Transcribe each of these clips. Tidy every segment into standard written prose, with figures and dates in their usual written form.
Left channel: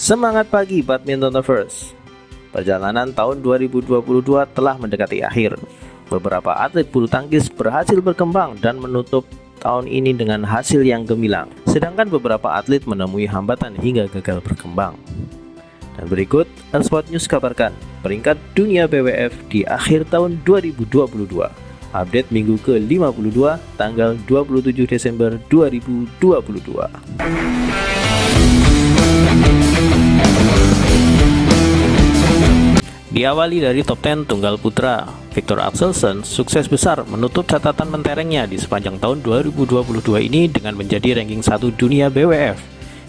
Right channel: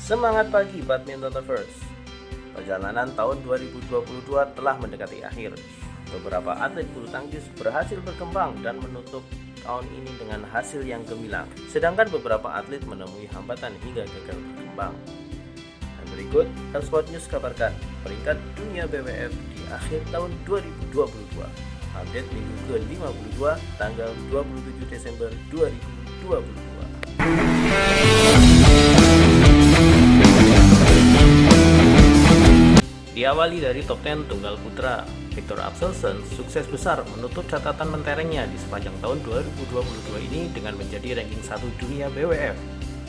Semangat pagi Badminton Lovers. Perjalanan tahun 2022 telah mendekati akhir. Beberapa atlet bulu tangkis berhasil berkembang dan menutup tahun ini dengan hasil yang gemilang. Sedangkan beberapa atlet menemui hambatan hingga gagal berkembang. Dan berikut Sport News kabarkan peringkat dunia BWF di akhir tahun 2022. Update minggu ke-52 tanggal 27 Desember 2022. Diawali dari top 10 tunggal putra, Viktor Axelsen sukses besar menutup catatan menterengnya di sepanjang tahun 2022 ini dengan menjadi ranking 1 dunia BWF.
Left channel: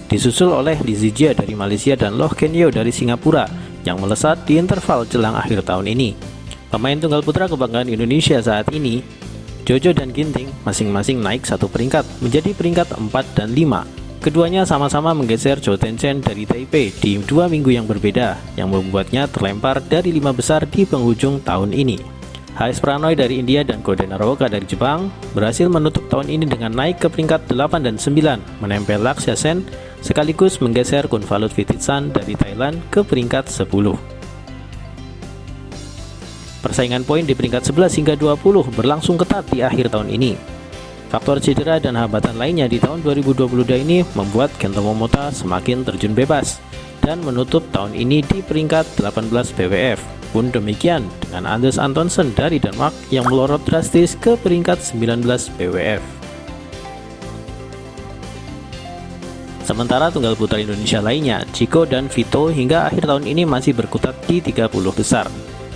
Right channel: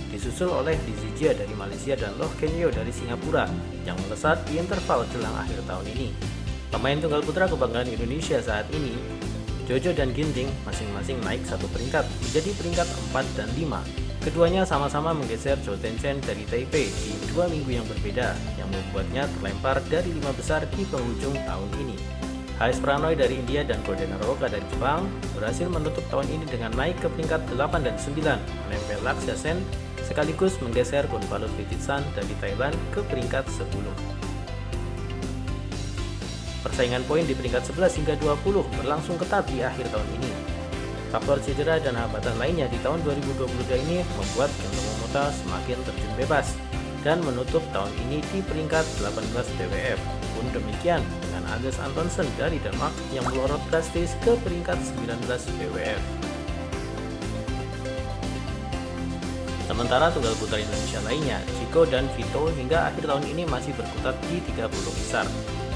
Disusul oleh Li Zijia dari Malaysia dan Loh Ken Yew dari Singapura yang melesat di interval jelang akhir tahun ini. Pemain tunggal putra kebanggaan Indonesia saat ini, Jojo dan Ginting masing-masing naik satu peringkat menjadi peringkat 4 dan 5. Keduanya sama-sama menggeser Zhou Tenzhen dari Taipei di 2 minggu yang berbeda, yang membuatnya terlempar dari 5 besar di penghujung tahun ini. HS Pranoy dari India dan Go Naroka dari Jepang berhasil menutup tahun ini dengan naik ke peringkat 8 dan 9, menempel Lakshya Sen, sekaligus menggeser Kunvalut Vititsan dari Thailand ke peringkat 10. Persaingan poin di peringkat 11 hingga 20 berlangsung ketat di akhir tahun ini. Faktor cedera dan hambatan lainnya di tahun 2022 ini membuat Kento Momota semakin terjun bebas dan menutup tahun ini di peringkat 18 BWF. Pun demikian dengan Anders Antonsen dari Denmark yang melorot drastis ke peringkat 19 BWF. Sementara tunggal putra Indonesia lainnya, Chico dan Vito hingga akhir tahun ini masih berkutat di 30 besar.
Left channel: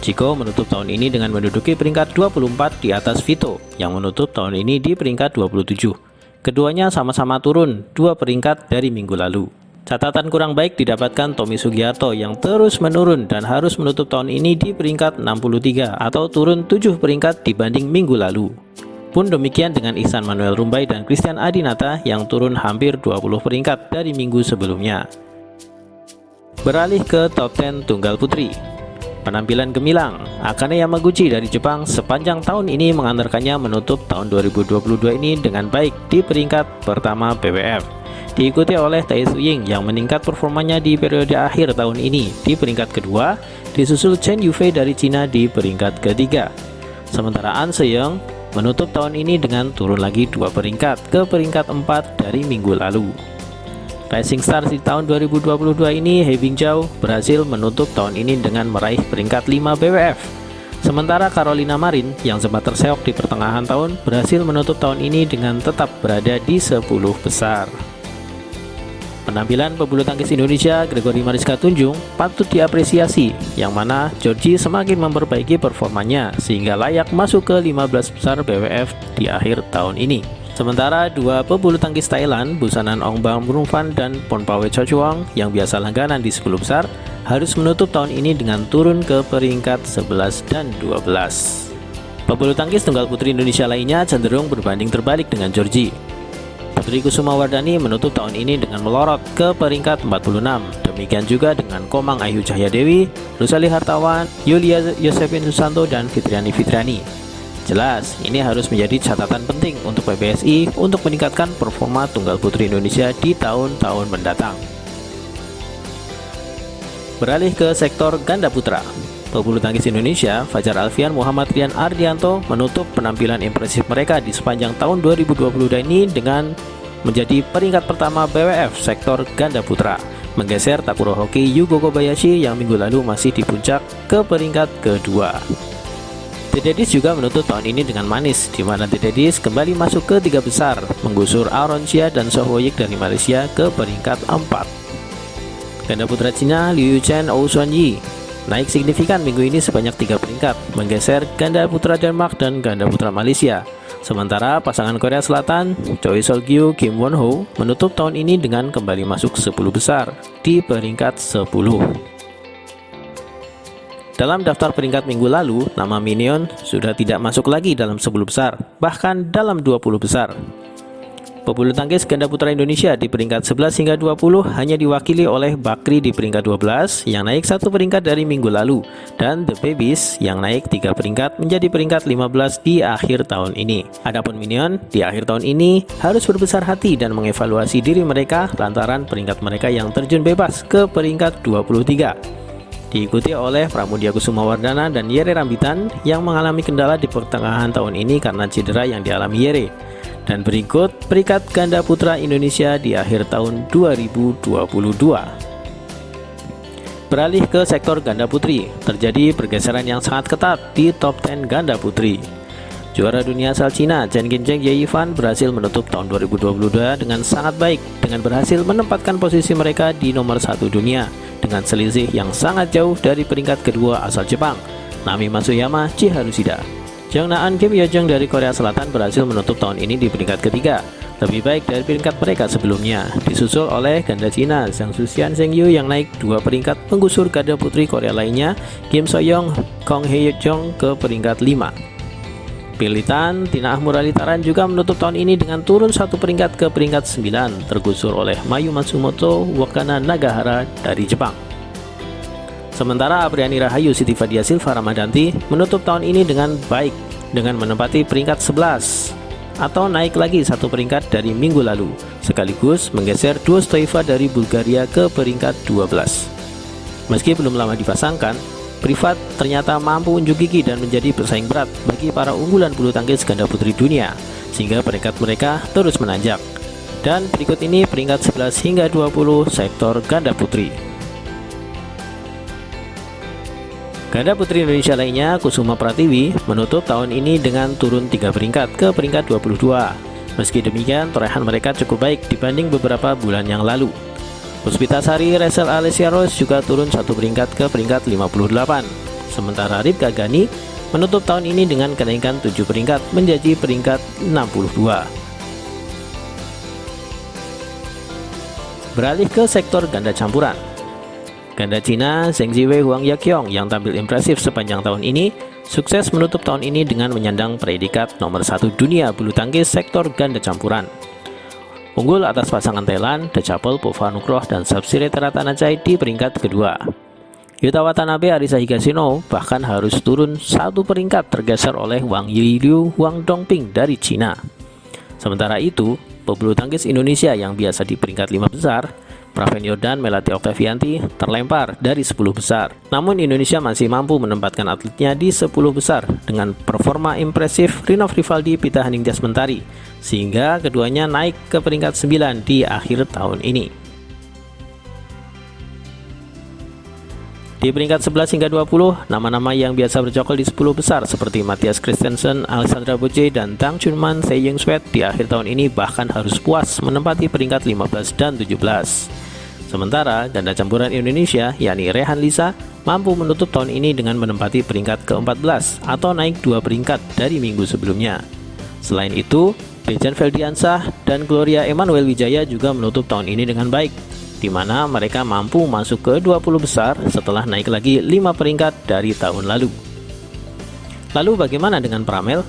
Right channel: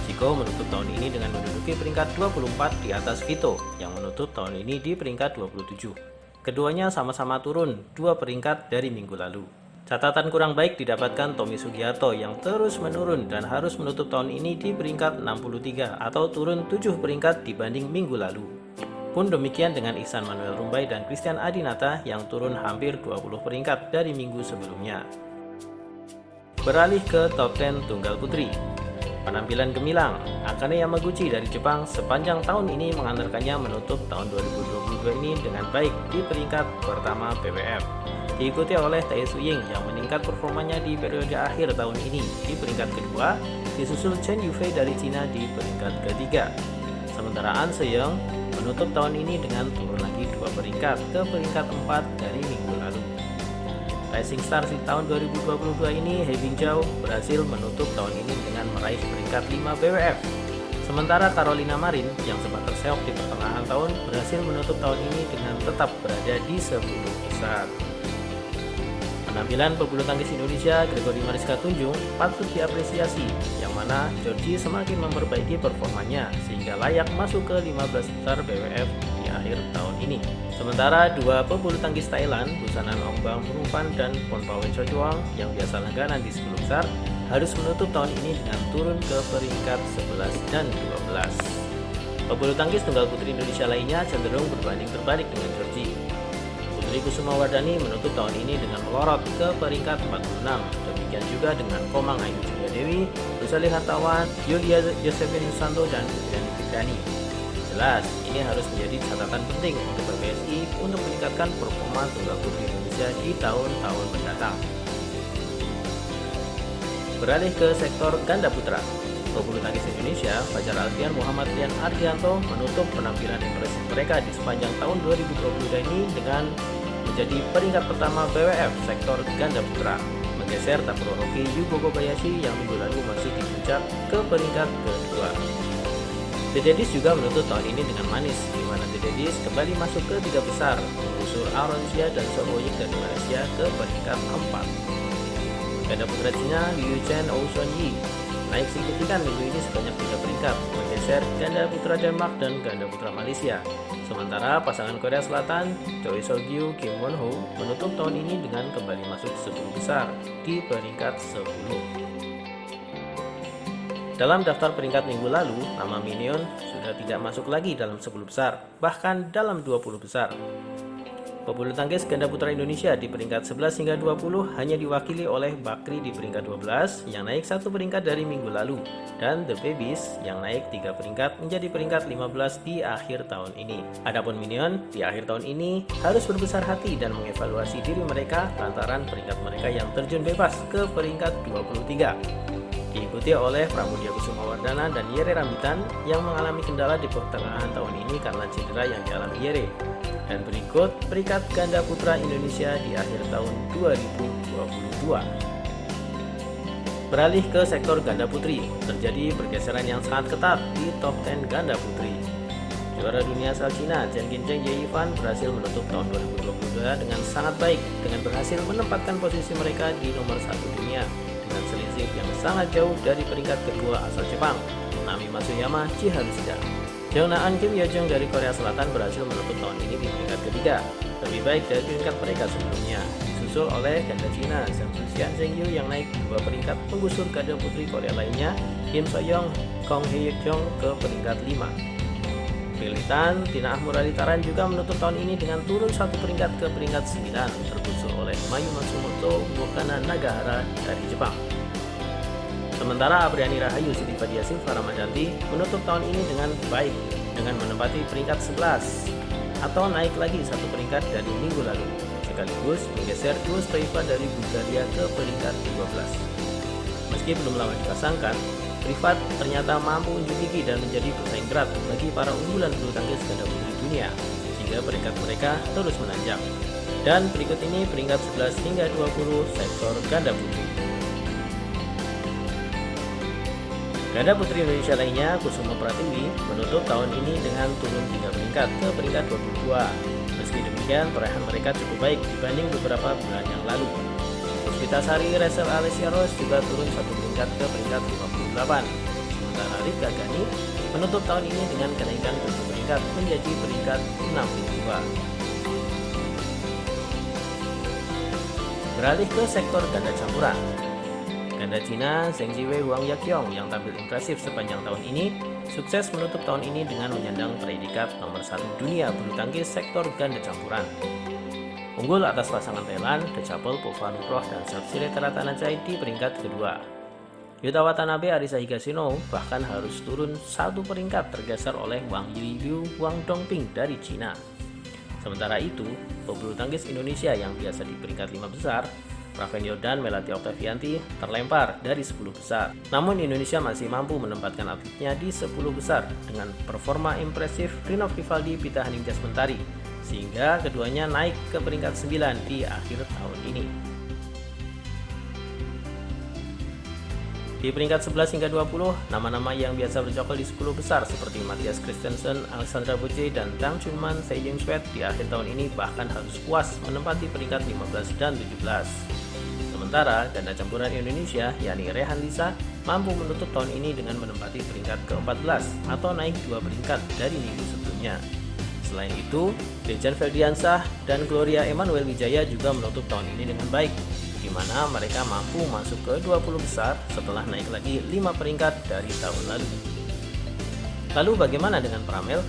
Chico menutup tahun ini dengan menduduki peringkat 24 di atas Vito yang menutup tahun ini di peringkat 27. Keduanya sama-sama turun 2 peringkat dari minggu lalu. Catatan kurang baik didapatkan Tommy Sugiarto yang terus menurun dan harus menutup tahun ini di peringkat 63 atau turun 7 peringkat dibanding minggu lalu. Pun demikian dengan Ihsan Manuel Rumbai dan Christian Adinata yang turun hampir 20 peringkat dari minggu sebelumnya. Beralih ke top 10 tunggal putri. Penampilan gemilang, Akane Yamaguchi dari Jepang sepanjang tahun ini mengantarkannya menutup tahun 2022 ini dengan baik di peringkat pertama BWF. Diikuti oleh Tae Su Ying yang meningkat performanya di periode akhir tahun ini di peringkat kedua, disusul Chen Yufei dari Cina di peringkat ketiga. Sementara An Se-young menutup tahun ini dengan turun lagi 2 peringkat ke peringkat 4 dari minggu lalu. Rising Stars di tahun 2022 ini, He Bingjiao berhasil menutup tahun ini dengan meraih peringkat 5 BWF. Sementara Carolina Marin yang sempat terseok di pertengahan tahun berhasil menutup tahun ini dengan tetap berada di 10 besar. Penampilan pebulu tangkis Indonesia Gregory Mariska Tunjung patut diapresiasi, yang mana Georgie semakin memperbaiki performanya sehingga layak masuk ke 15 besar BWF di akhir tahun ini. Sementara dua pebulu tangkis Thailand, Busanan Ongbang Brungfan dan Ponpawe Chochuang yang biasa langganan di 10 besar, harus menutup tahun ini dengan turun ke peringkat 11 dan 12. Pebulu tangkis tunggal putri Indonesia lainnya cenderung berbanding terbalik dengan Georgie. Putri Kusuma Wardani menutup tahun ini dengan melorot ke peringkat 46. Demikian juga dengan Komang Ayu Cahyadewi, Rusali Hartawan, Yulia Yosefin Susanto, dan Fitriani Fitriani. Jelas, ini harus menjadi catatan penting untuk PBSI untuk meningkatkan performa tunggal putri Indonesia di tahun-tahun mendatang. Beralih ke sektor ganda putra. Pebulu tangkis Indonesia, Fajar Alfian, Muhammad Rian Ardianto menutup penampilan impresif mereka di sepanjang tahun 2022 ini dengan menjadi peringkat pertama BWF sektor ganda putra, menggeser Takuro Hoki Yugo Kobayashi yang minggu lalu masih di puncak ke peringkat kedua. Dedis juga menutup tahun ini dengan manis, di mana Dedis kembali masuk ke 3 besar, menggusur Aaron Chia dan Soh Woyik dari Malaysia ke peringkat 4. Ganda putra Cina Liu Chen Ou Xuan Yi naik signifikan minggu ini sebanyak 3 peringkat, menggeser ganda putra Denmark dan ganda putra Malaysia. Sementara pasangan Korea Selatan, Choi Sol-gyu Kim Won-ho menutup tahun ini dengan kembali masuk 10 besar di peringkat 10. Dalam daftar peringkat minggu lalu, nama Minion sudah tidak masuk lagi dalam 10 besar, bahkan dalam 20 besar. Pebulu tangkis ganda putra Indonesia di peringkat 11 hingga 20 hanya diwakili oleh Bakri di peringkat 12 yang naik satu peringkat dari minggu lalu, dan The Babies yang naik 3 peringkat menjadi peringkat 15 di akhir tahun ini. Adapun Minion di akhir tahun ini harus berbesar hati dan mengevaluasi diri mereka lantaran peringkat mereka yang terjun bebas ke peringkat 23. Diikuti oleh Pramudia Kusumawardana dan Yere Rambitan yang mengalami kendala di pertengahan tahun ini karena cedera yang dialami Yere. Dan berikut peringkat ganda putra Indonesia di akhir tahun 2022. Beralih ke sektor ganda putri, terjadi pergeseran yang sangat ketat di top 10 ganda putri. Juara dunia asal Cina, Chen Qinzheng Ye-Yifan berhasil menutup tahun 2022 dengan sangat baik dengan berhasil menempatkan posisi mereka di nomor 1 dunia dengan selisih yang sangat jauh dari peringkat kedua asal Jepang, Nami Matsuyama Chiharushida. Jeongnam Kim Hyojung dari Korea Selatan berhasil menutup tahun ini di peringkat ketiga, lebih baik dari peringkat mereka sebelumnya, disusul oleh ganda Cina Zhang Zuxian Zheng Yu yang naik 2 peringkat menggusur ganda putri Korea lainnya Kim So-young, Kong Hye-jong ke peringkat 5. Pilitan Tina Ahmuralitaran juga menutup tahun ini dengan turun 1 peringkat ke peringkat 9, tergusur oleh Mayu Matsumoto Wakana Nagahara dari Jepang. Sementara Apriani Rahayu Siti Fadia Silva Ramadanti menutup tahun ini dengan baik dengan menempati peringkat 11 atau naik lagi 1 peringkat dari minggu lalu, sekaligus menggeser Duo Stoiva dari Bulgaria ke peringkat 12. Meski belum lama dipasangkan, Privat ternyata mampu unjuk gigi dan menjadi pesaing berat bagi para unggulan bulu tangkis ganda putri dunia, sehingga peringkat mereka terus menanjak. Dan berikut ini peringkat 11 hingga 20 sektor ganda putri. Ganda putri Indonesia lainnya, Kusuma Pratiwi, menutup tahun ini dengan turun 3 peringkat ke peringkat 22. Meski demikian, torehan mereka cukup baik dibanding beberapa bulan yang lalu. Puspitasari Rachel Alessia Rose juga turun 1 peringkat ke peringkat 58. Sementara Ritka Gani menutup tahun ini dengan kenaikan 7 peringkat menjadi peringkat 62. Beralih ke sektor ganda campuran. Ganda Cina Zheng Ziwei Huang Yaqiong yang tampil impresif sepanjang tahun ini sukses menutup tahun ini dengan menyandang predikat nomor 1 dunia bulu tangkis sektor ganda campuran. Unggul atas pasangan Thailand, Dechapel Povanukroh dan Sapsiree Teratanachai di peringkat kedua. Yuta Watanabe Arisa Higashino bahkan harus turun 1 peringkat tergeser oleh Wang Yiliu Wang Dongping dari Cina. Sementara itu, pebulu tangkis Indonesia yang biasa di peringkat 5 besar, Praven Jordan Melati Oktavianti terlempar dari 10 besar. Namun Indonesia masih mampu menempatkan atletnya di 10 besar dengan performa impresif Rinov Rivaldi Pita Haningtyas Mentari, sehingga keduanya naik ke peringkat 9 di akhir tahun ini. Di peringkat 11 hingga 20, nama-nama yang biasa bercokol di 10 besar seperti Matthias Christensen, Alexandra Boce, dan Tang Chunman Taeyong Sweat di akhir tahun ini bahkan harus puas menempati peringkat 15 dan 17. Sementara ganda campuran Indonesia yakni Rehan Lisa mampu menutup tahun ini dengan menempati peringkat ke-14 atau naik 2 peringkat dari minggu sebelumnya. Selain itu, Dejan Feldiansah dan Gloria Emmanuel Wijaya juga menutup tahun ini dengan baik, di mana mereka mampu masuk ke 20 besar setelah naik lagi 5 peringkat dari tahun lalu. Lalu bagaimana dengan Pramel?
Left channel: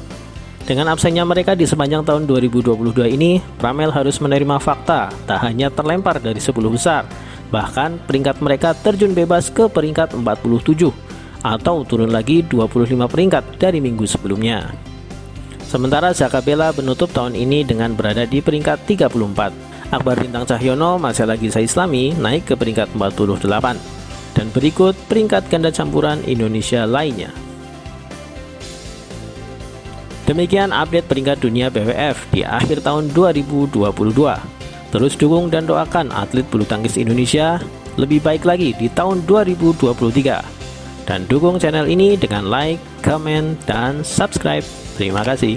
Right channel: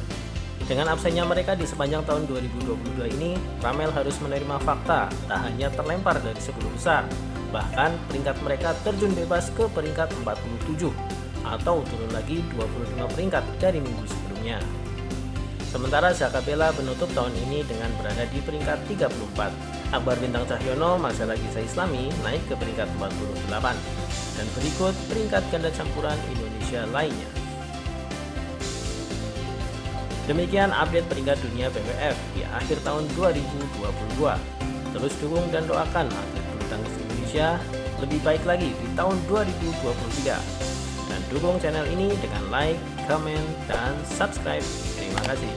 Dengan absennya mereka di sepanjang tahun 2022 ini, Pramel harus menerima fakta tak hanya terlempar dari 10 besar, bahkan peringkat mereka terjun bebas ke peringkat 47 atau turun lagi 25 peringkat dari minggu sebelumnya. Sementara Zaka Bella menutup tahun ini dengan berada di peringkat 34. Akbar Bintang Cahyono masih lagi Islami naik ke peringkat 48. Dan berikut peringkat ganda campuran Indonesia lainnya. Demikian update peringkat dunia BWF di akhir tahun 2022. Terus dukung dan doakan atlet bulu tangkis Indonesia lebih baik lagi di tahun 2023. Dan dukung channel ini dengan like, comment, dan subscribe. Terima kasih.